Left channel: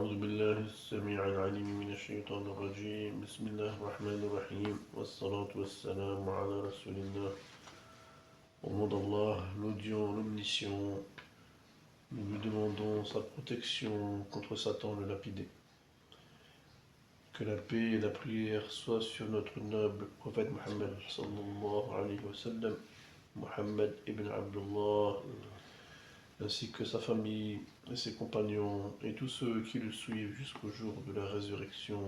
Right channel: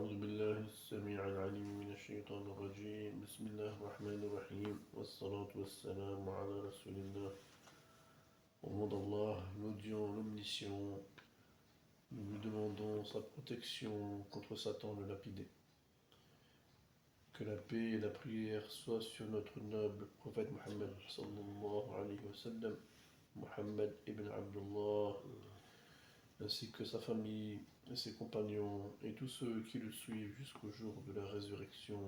أعوذ بالله السميع العليم من الشيطان الرجيم بسم الله الرحمن الرحيم والصلاة والسلام على رسول الله au nom d'Allah, l'audient, l'omniscient, nous lui demandons sa protection contre Satan le lapidé. Que la paix et la prière soient sur notre noble prophète Mohammed sallallahu alayhi wa sallam, Mohammed ibn Abdullah, ainsi que sa famille et ses compagnons et tous ceux qui le suivent jusqu'au jour de la résurrection.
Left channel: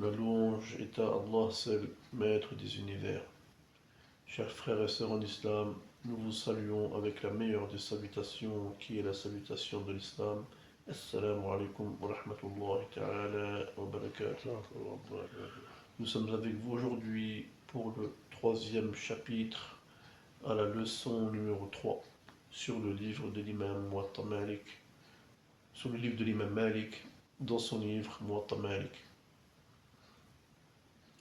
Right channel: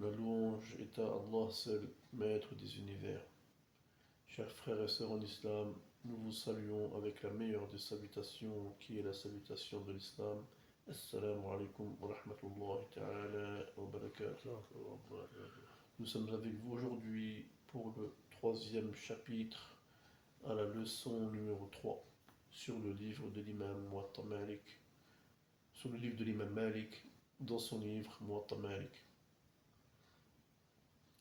La louange est à Allah seul, maître des univers. Chers frères et sœurs en islam, nous vous saluons avec la meilleure des salutations qui est la salutation de l'islam. Assalamu alaikum wa rahmatullahi ta'ala wa barakatuh. Nous sommes avec vous aujourd'hui pour le troisième chapitre à la leçon numéro 3 sur le livre de l'imam Muwatta Malik, sur le livre de l'imam Malik dans son livre Muwatta Malik.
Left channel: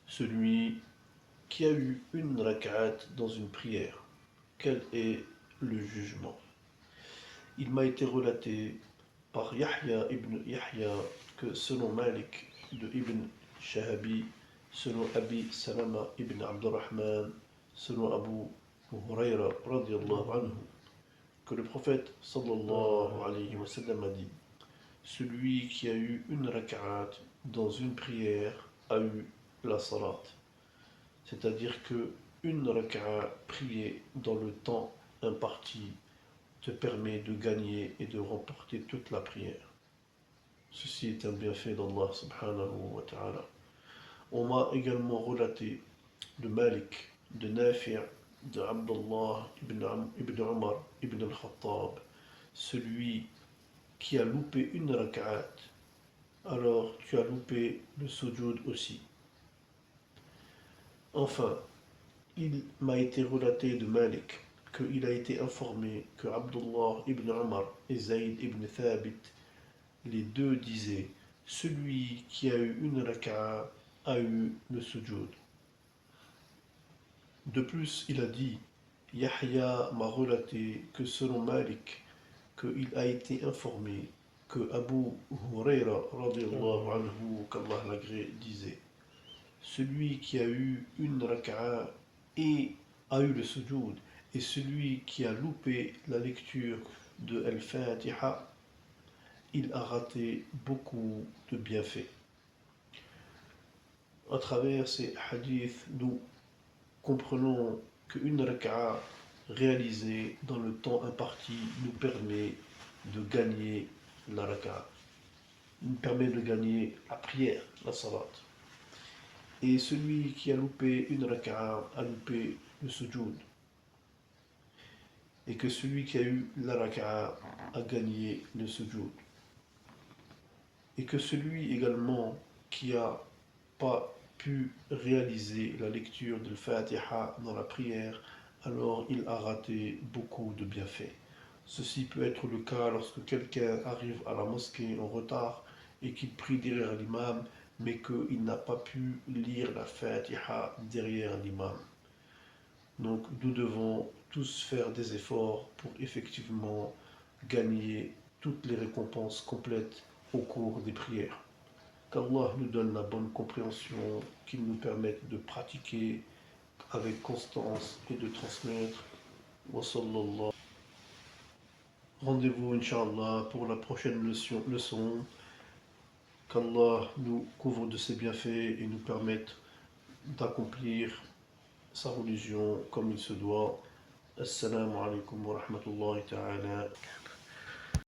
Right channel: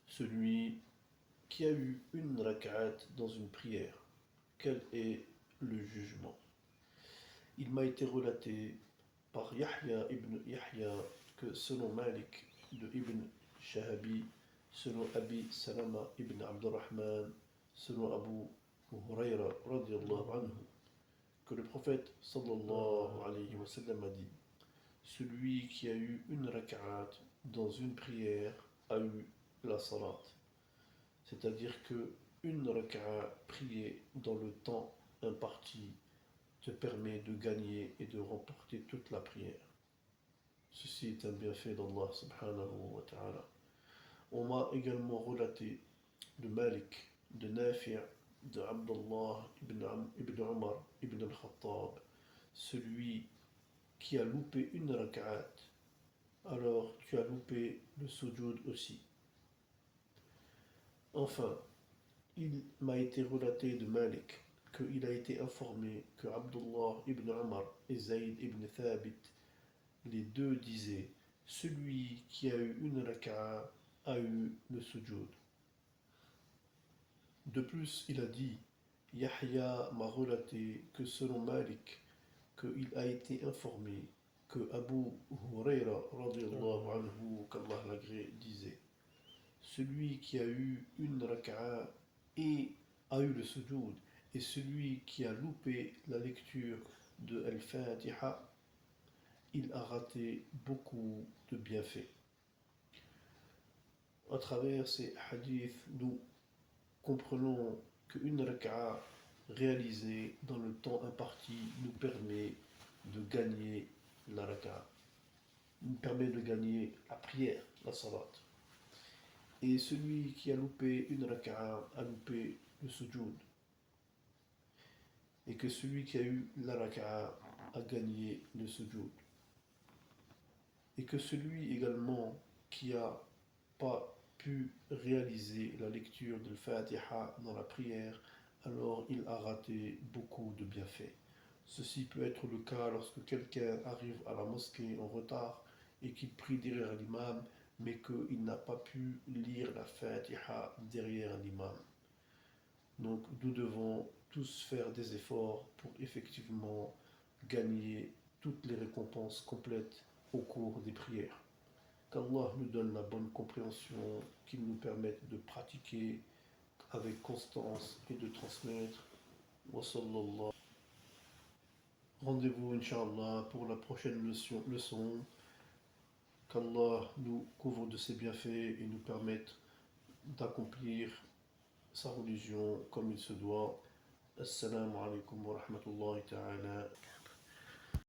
Celui qui a eu une rak'at dans une prière, quel est le jugement? Il m'a été relaté par Yahya ibn Yahya que selon Malik de Ibn Shahabi, selon Abi Salama ibn Abdurrahman, selon Abu Hurayra radiyallahu anhu, que le prophète sallallahu alayhi wa sallam a dit: celui qui a eu une rak'at dans une prière a eu la salat. C'est-à-dire que une rak'a priée dans le temps imparti te permet de gagner et de remporter toute la prière. Ceci est un bienfait d'Allah subhanahu wa ta'ala. On m'a également relaté de Malik, de Nafi', de Abdullah ibn Umar ibn al-Khattab, celui qui a loupé une rak'at, alors tu as loupé le sujoud aussi. Enfin, il m'a été relaté de Malik qu'il a été informé que Abdullah ibn Umar et Zayd ibn Thabit, les deux disaient: celui qui a eu une rak'a a eu le sujoud. De plus, il a dit: Yahya m'a relaté que selon Malik, qu'il a été informé que Abu Hurayra radiyallahu anhu, qu'Allah l'agrée, disait: celui qui a eu une rak'a et a eu le sujoud, et celui qui a loupé la lecture de Al-Fatiha, il a raté beaucoup de bienfaits. À travers ces hadiths, nous comprenons qu'une rak'a réalisée dans le temps imparti nous permet de gagner la rak'a, nous permet de gagner la prière, la salat. Et celui qui a loupé une rak'a a loupé le sujoud. Et que celui qui a eu la rak'a a gagné le sujoud. Et que celui également qui n'a pas pu réaliser la lecture de Fatiha dans la prière, alors il a raté beaucoup de bienfaits. Ceci peut être le cas lorsque quelqu'un arrive à la mosquée en retard et qu'il prie derrière l'imam, mais qu'il n'a pas pu lire la Fatiha derrière l'imam. Donc nous devons tous faire des efforts pour effectivement gagner toutes les récompenses complètes au cours des prières. Qu'Allah nous donne la bonne compréhension, qu'il nous permette de pratiquer avec constance et de transmettre. Wa sallallahu. Rendez-vous, Inch'Allah, pour la prochaine leçon. Qu'Allah nous couvre de ses bienfaits et nous permette d'accomplir sa religion comme il se doit. Assalamu alaikum wa rahmatullahi ta'ala